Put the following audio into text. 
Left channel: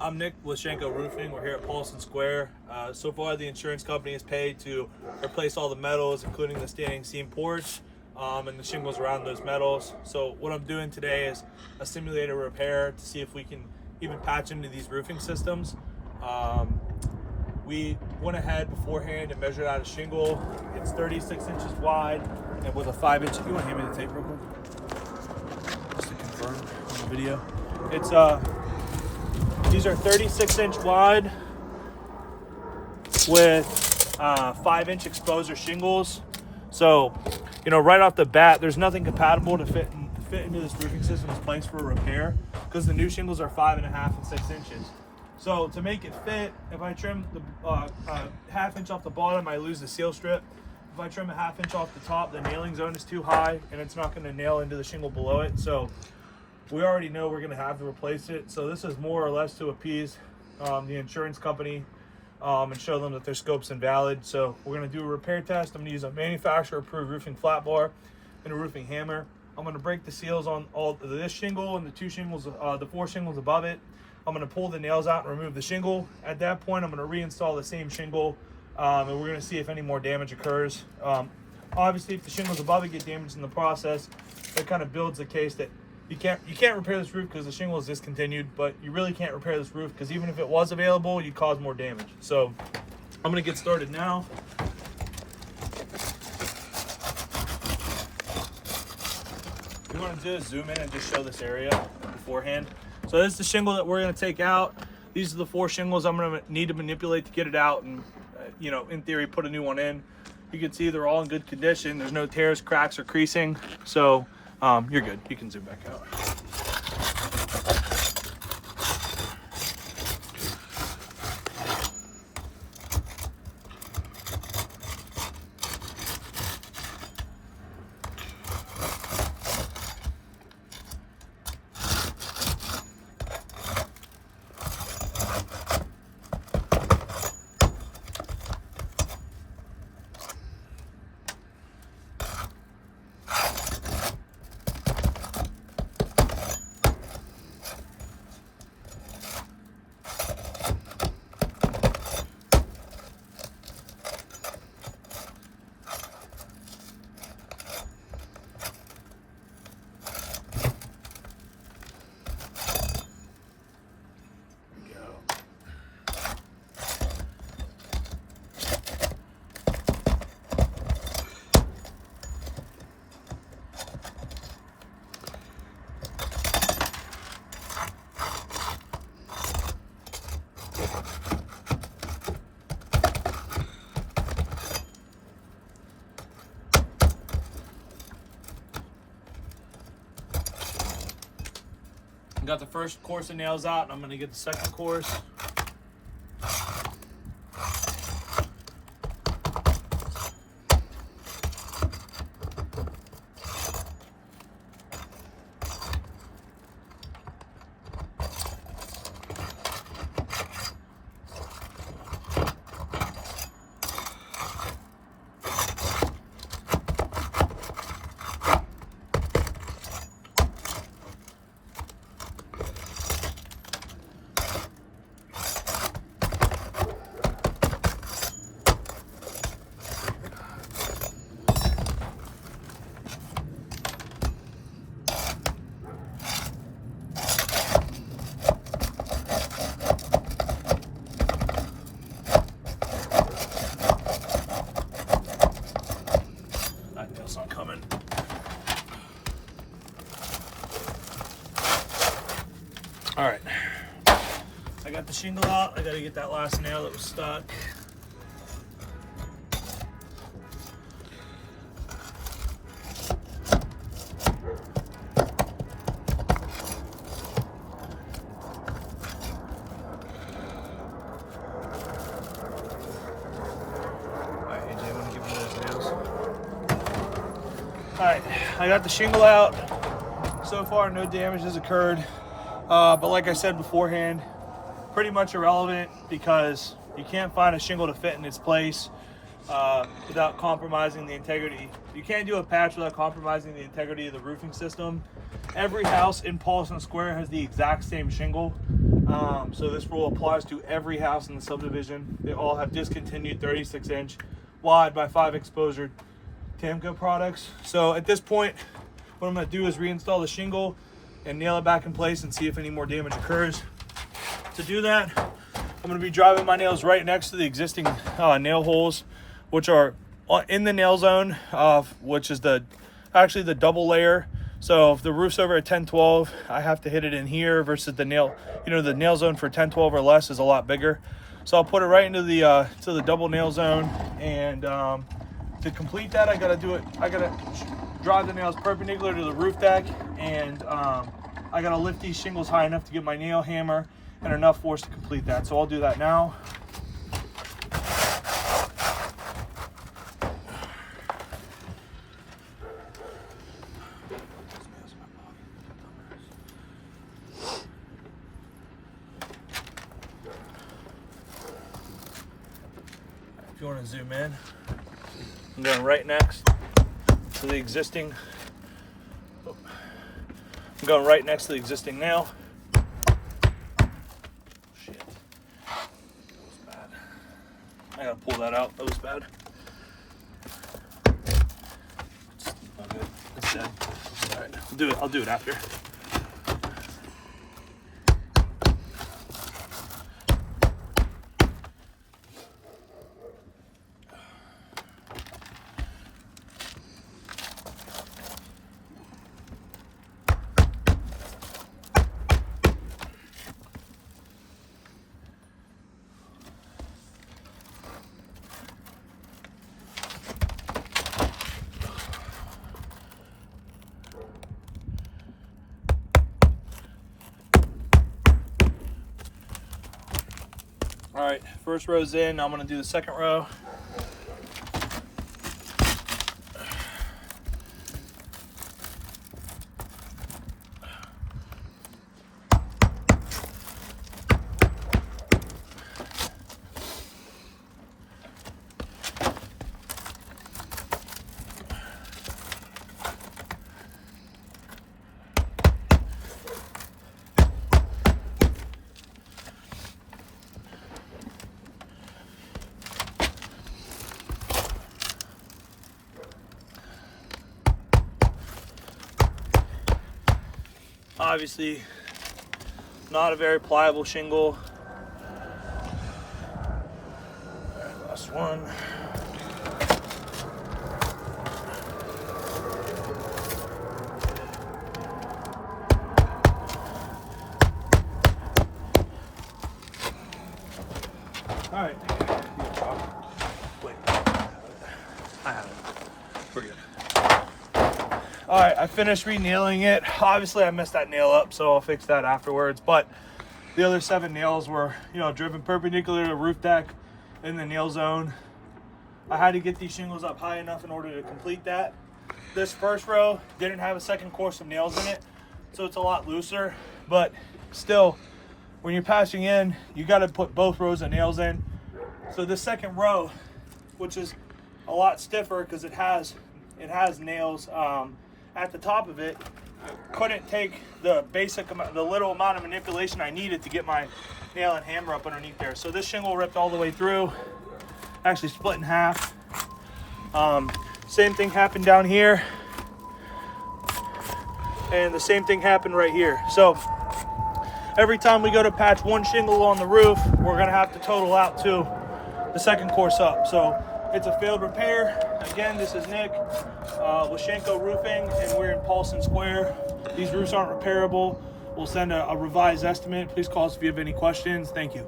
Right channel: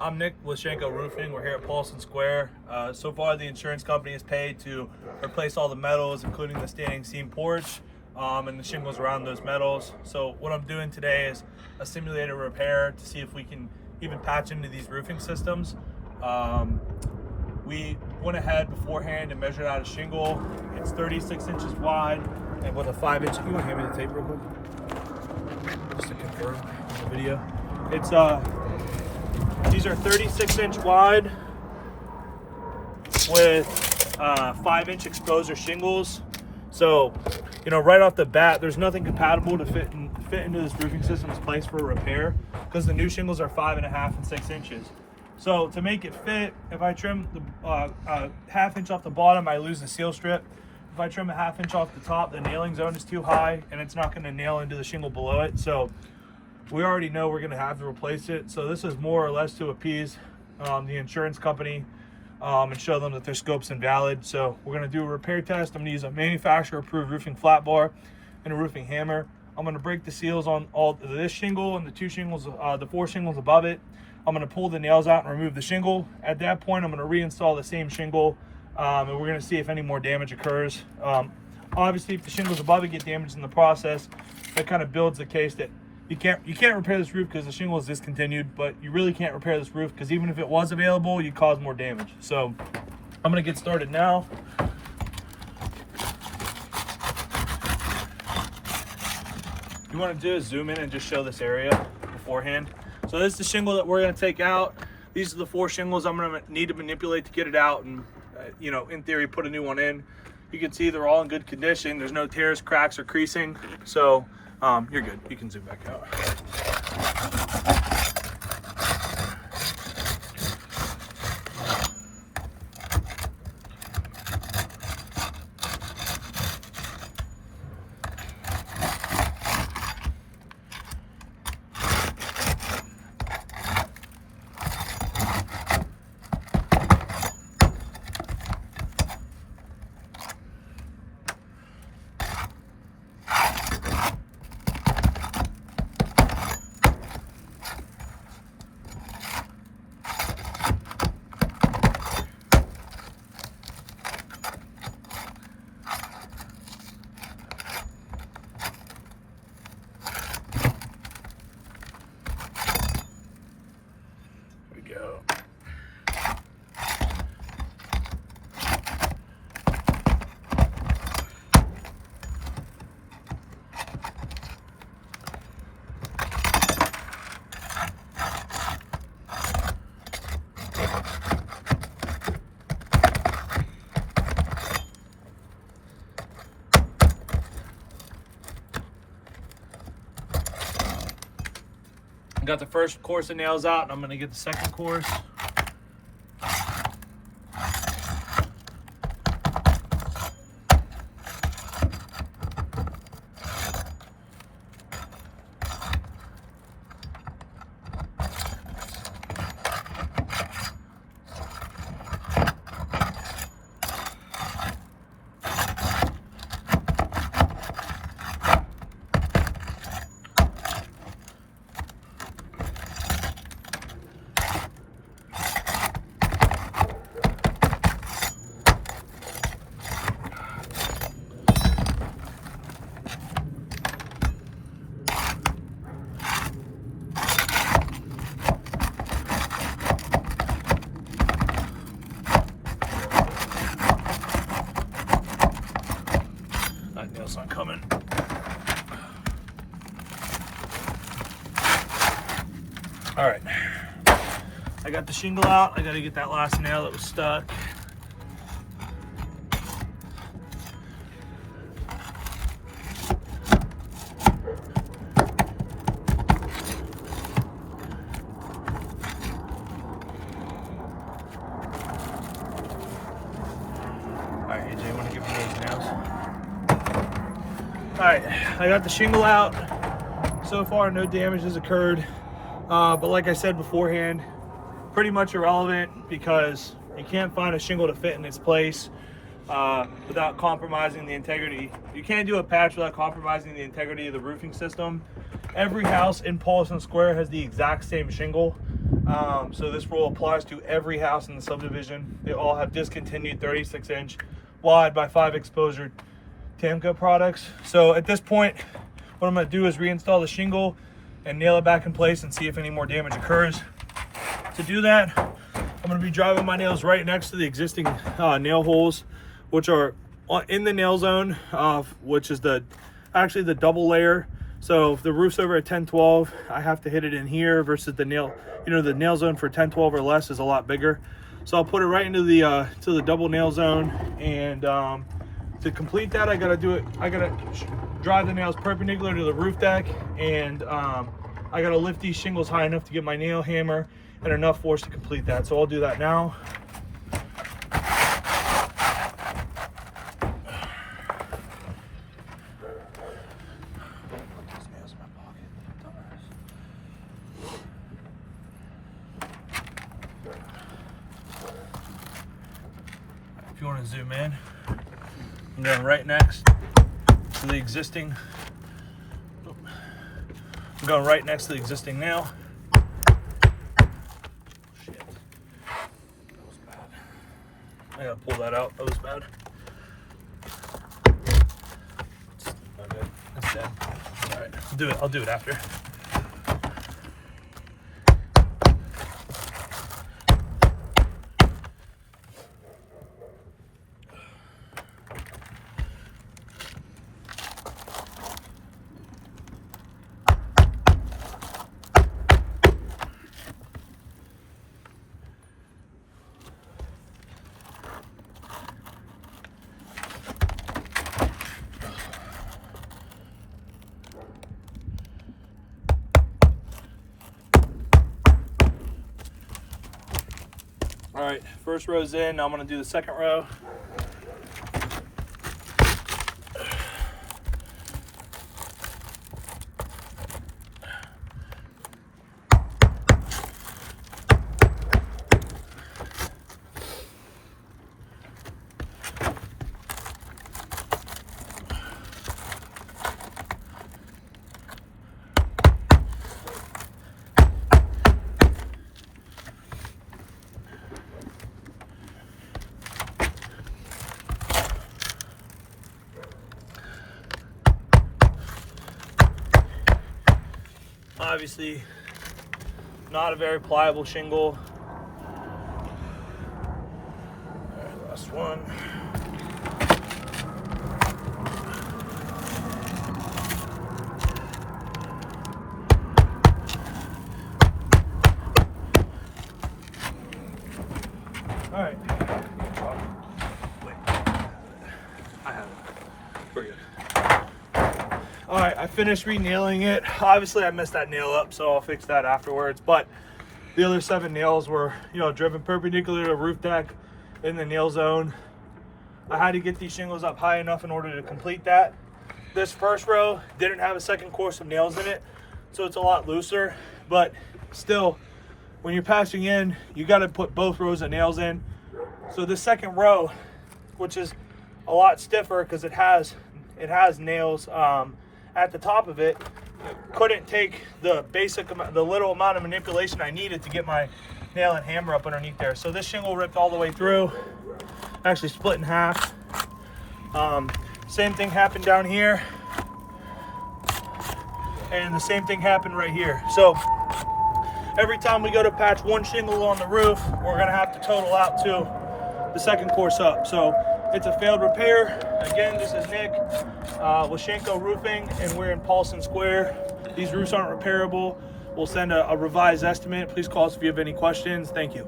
I'm Nick with Shenko Roofing. We're here at Paulsen Square. So far, the insurance company has paid to replace all the metals, including the standing seam porch and the shingles around those metals. So what I'm doing today is a simulated repair to see if we can even patch into these roofing systems. We went ahead beforehand and measured out a shingle. It's 36 inches wide and with a 5-inch. If you want to hand me the tape real quick, just to confirm on the video. It's These are 36-inch wide with 5-inch exposer shingles. So, right off the bat, there's nothing compatible to fit into this roofing system's place for a repair because the new shingles are 5.5 and 6 inches. So to make it fit, if I trim the half-inch off the bottom, I lose the seal strip. If I trim a half-inch off the top, the nailing zone is too high and it's not going to nail into the shingle below it. So we already know we're going to have to replace it. So this is more or less to appease the insurance company and show them that their scope's invalid. So we're going to do a repair test. I'm going to use a manufacturer-approved roofing flat bar and a roofing hammer. I'm going to break the seals on all this shingle and the two shingles, the 4 shingles above it. I'm going to pull the nails out and remove the shingle. At that point, I'm going to reinstall the same shingle, and we're going to see if any more damage occurs. Obviously, if the shingles above it get damaged in the process, that kind of builds the case that you can't repair this roof because the shingle is discontinued, but you really can't repair this roof because even if it was available, you'd cause more damage. So I'm going to get started now. You want to do is zoom in and just show this area beforehand. So this is the shingle that we're going to take out. These are the 4 shingles I'm going to need to manipulate to get it out and, in theory, put a new one in. You can see they're all in good condition. There's no tears, cracks, or creasing. So you're good. You can zoom back out. Got the first course of nails out, and I'm going to get the second course. Not coming. All right, I got the shingle out. I got to get that last nail that was stuck. All right, I got the shingle out. So far, no damage has occurred. But like I said beforehand, pretty much irrelevant because you can't find a shingle to fit in its place. without compromising the integrity. You can't do a patch without compromising the integrity of the roofing system. Every house in Paulsen Square has the exact same shingle. So this rule applies to every house in the subdivision. They all have discontinued 36-inch wide by 5 exposure Tamco products. So at this point, what I'm going to do is reinstall the shingle and nail it back in place and see if any more damage occurs. To do that, I'm going to be driving my nails right next to the existing nail holes, which are in the nail zone, which is actually the double layer. So if the roof's over at 10-12, I have to hit it in here versus the nail, the nail zone for 10-12 or less is a lot bigger. So I'll put it right into the to the double nail zone, and to complete that, I gotta drive the nails perpendicular to the roof deck, and I gotta lift these shingles high enough to get my nail hammer and enough force to complete that. So I'll do that now. If you want to zoom in, I'm going right next to the existing. I'm going right next to the existing nail. Shit. That was bad. I gotta pull that out. That was bad. It's dead. All right, I'll do it after. All right, first row's in. Now I'm gonna do the second row. Obviously, not a very pliable shingle. Last one. All right. Wait. I have it. We're good. All right, I finished re-nailing it. Obviously, I messed that nail up, so I'll fix that afterwards. But the other 7 nails were, driven perpendicular to the roof deck in the nail zone. I had to get these shingles up high enough in order to complete that. This first row didn't have a second course of nails in it, so it's a lot looser. But still, when you're patching in, you got to put both rows of nails in. So the second row, which is a lot stiffer because it has nails at the top of it, couldn't take the little amount of manipulation I needed to get my nail and hammer up underneath there. So this shingle ripped all the way through, actually split in half. Same thing happened down here, and the same thing happened right here. So every time we go to patch one shingle on the roof, we're gonna have to total out to the second course up. So it's a failed repair. Again, this is Nick, Lashenko Roofing, and we're in Paulsen Square. These roofs aren't repairable. We'll send a revised estimate. Please call us if you have any questions. Thank you.